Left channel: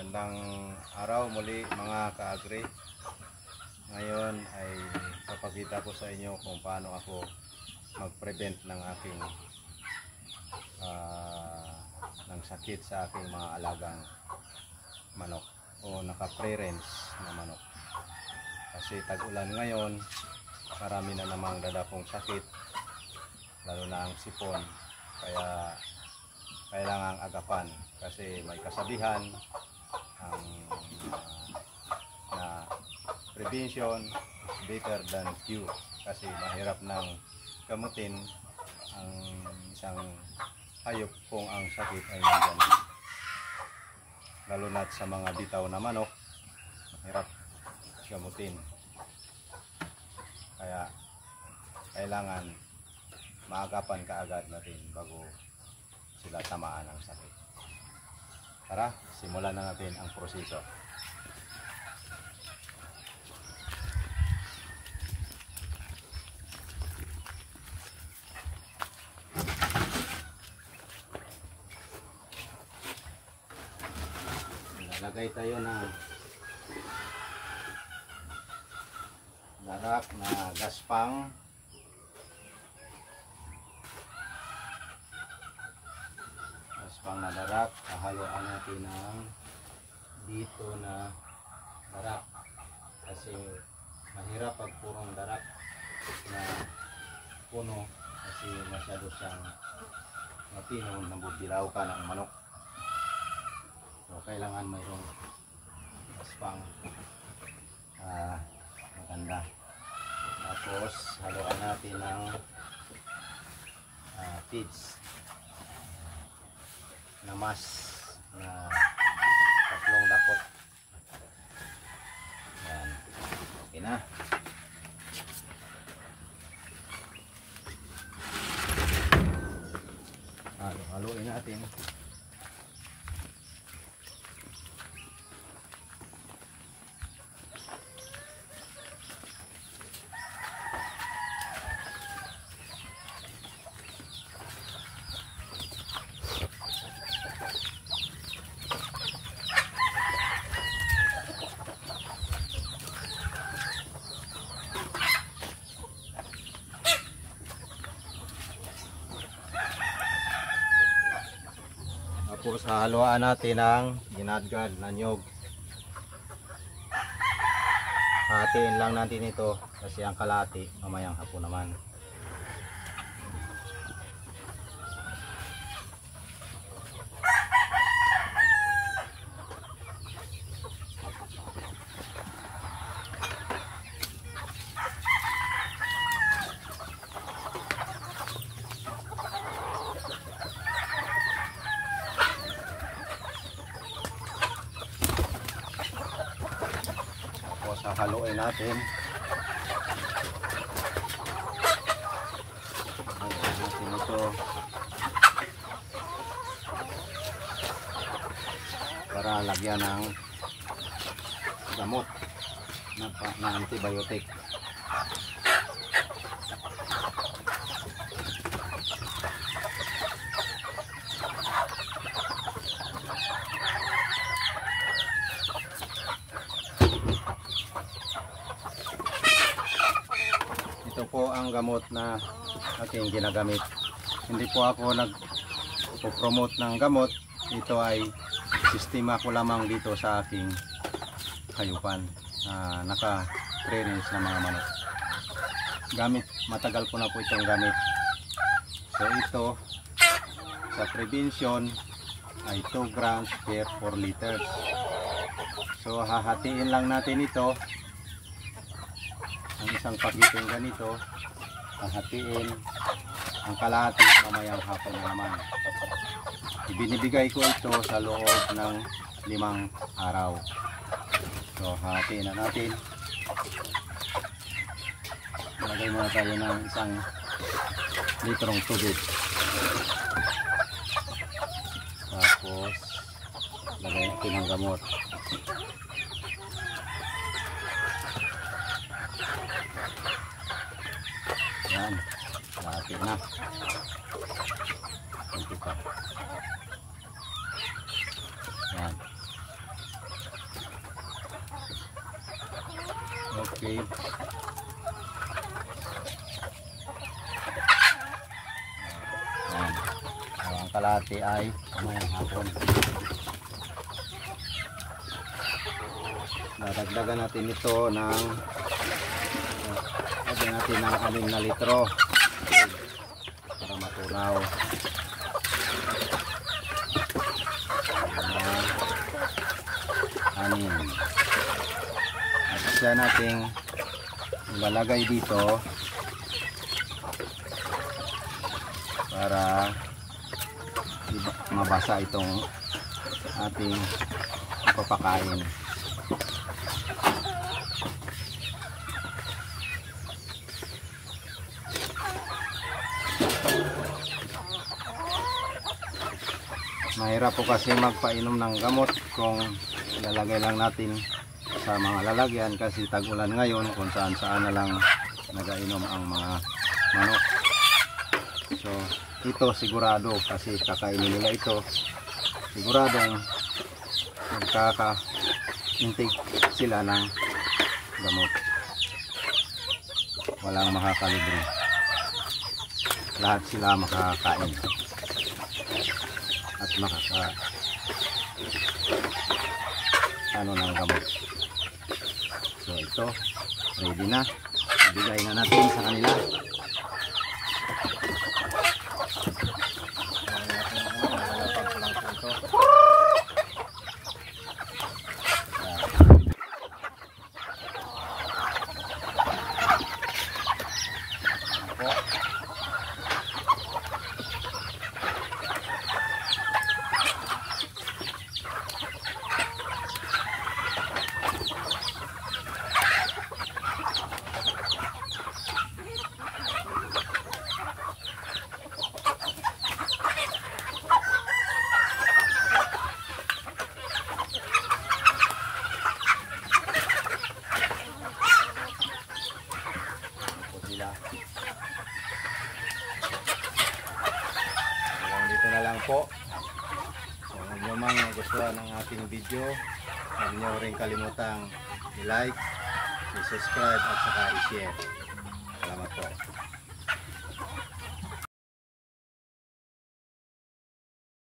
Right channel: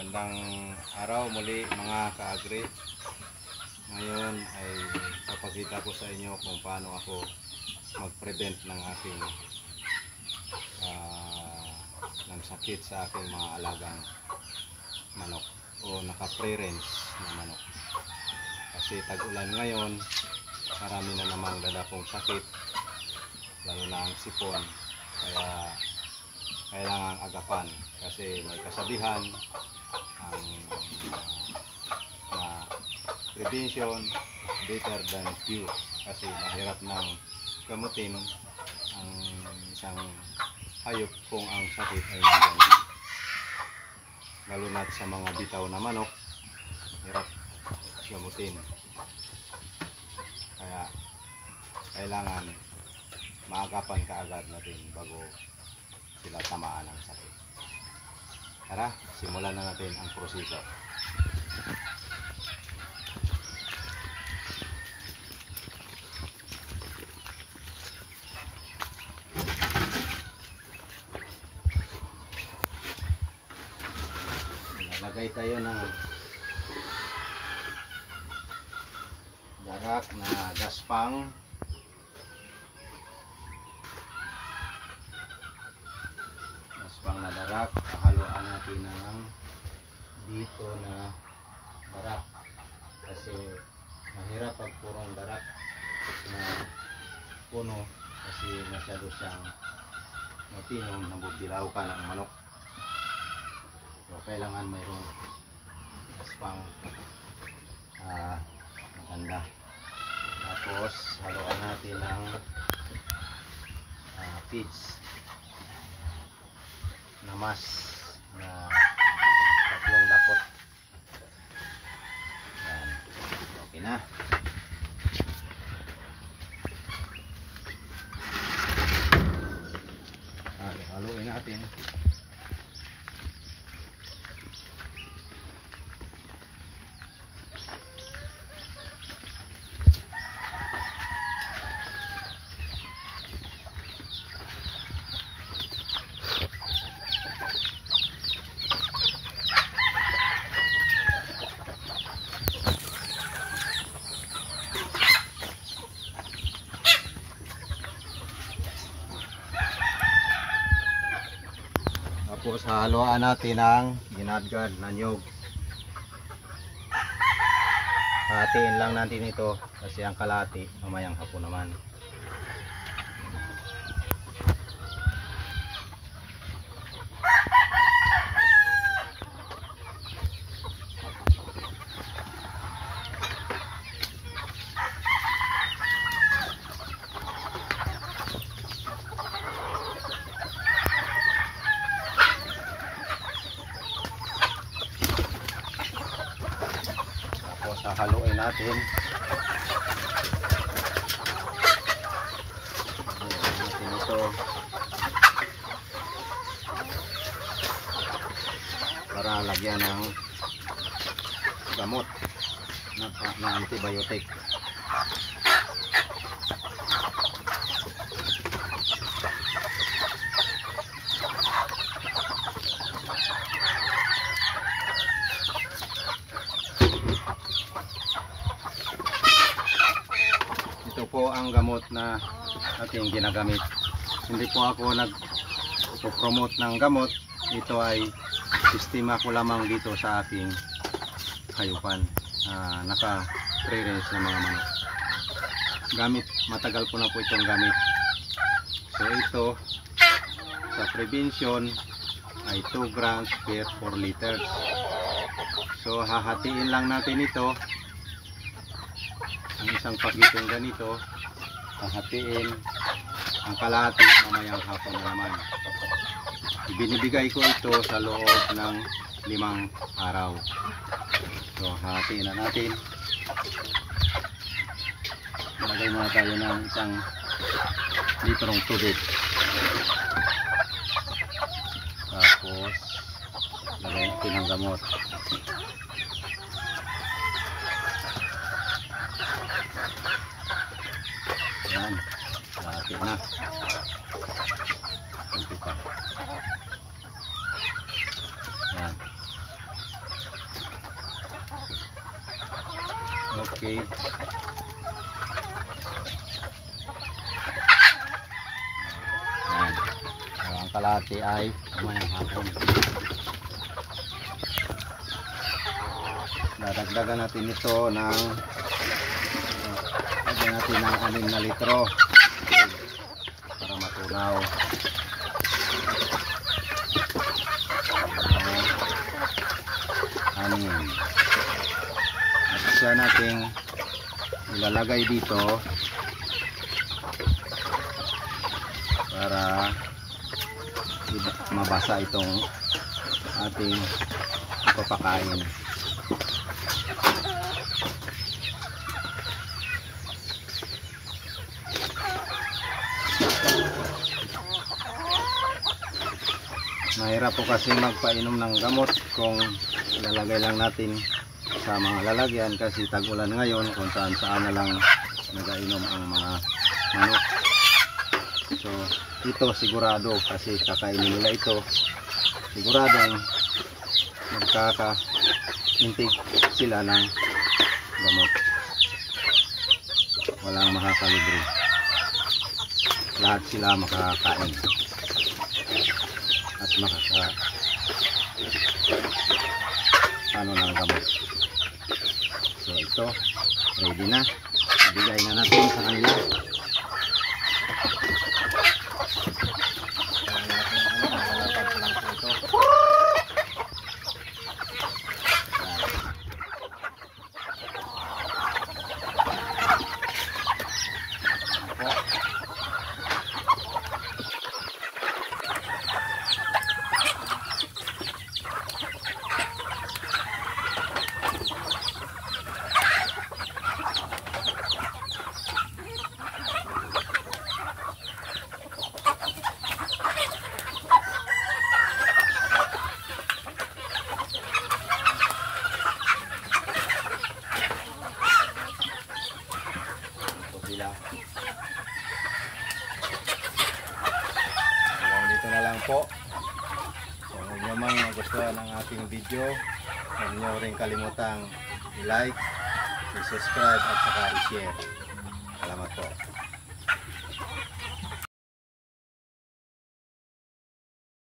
Magandang araw muli mga ka-agri. Ngayon ay papakita ko sa inyo kung paano ako mag-prevent ng aking ng sakit sa aking mga alagang manok o naka-pre-rinse na manok. Kasi tag-ulan ngayon, marami na namang dadapong sakit, lalo na ang sipon. Kaya kailangang agapan kasi may kasabihan ang na prevention is better than cure, kasi mahirap nang gamutin ang isang hayop kung ang sakit ay nandiyan. Lalo na sa mga bitaw na manok, mahirap gamutin. Kaya kailangan maagapan kaagad natin bago sila tamaan ng sakit. Tara, simulan na natin ang proseso. Nalagay tayo ng darak na gaspang. Na darak, haluan natin ng dito na darak kasi mahirap pag purong darak na puno kasi masyado siyang matinong, nabubilaw ka ng manok. So kailangan mayroong gaspang maganda. Tapos haluan natin ng feeds na mas na 3 dakot. Yan. Okay na. Haluin natin. Tapos haluan natin ang ginadgad na nyog. Hatiin lang natin ito kasi ang kalahati mamayang hapon naman. Haluin natin. Haluin natin ito para lagyan ng gamot na antibiotic. Ito po ang gamot na ating ginagamit. Hindi po ako nag-promote ng gamot. Ito ay sistema ko lamang dito sa aking hayupan. Naka-pre-rinse na mga manok. Matagal ko na po itong gamit. So ito sa prevention ay 2 grams per 4 liters. So hahatiin lang natin ito. Ang isang pakitong ganito, hahatiin ang kalahati mamayang hapon na naman. Ibinibigay ko ito sa loob ng 5 araw. So hahatiin na natin. Lagay muna tayo ng 1 litrong tubig. Tapos lagay natin ang gamot. Yan, laki na. Kunti pa. Yan. Okay. Yan. So, ang kalahati ay kamayang hapon. Dadagdagan natin ito ng lagyan natin ng 6 na litro para matunaw. Anin. At siya natin ilalagay dito para mabasa itong ating ipapakain. Mahirap po kasi magpainom ng gamot kung ilalagay lang natin sa mga lalagyan kasi tag-ulan ngayon kung saan na lang nagainom ang mga manok. So ito sigurado kasi kakainin nila ito, siguradong magkaka-intake sila ng gamot. Walang makakalibre, lahat sila makakain at ano ng gamot. So ito ready na, ibigay na natin sa kanila. Hanggang dito na lang po. So kung nyo mang nagustuhan ang ating video, huwag nyo rin kalimutang i-like, i-subscribe at saka i-share. Salamat po.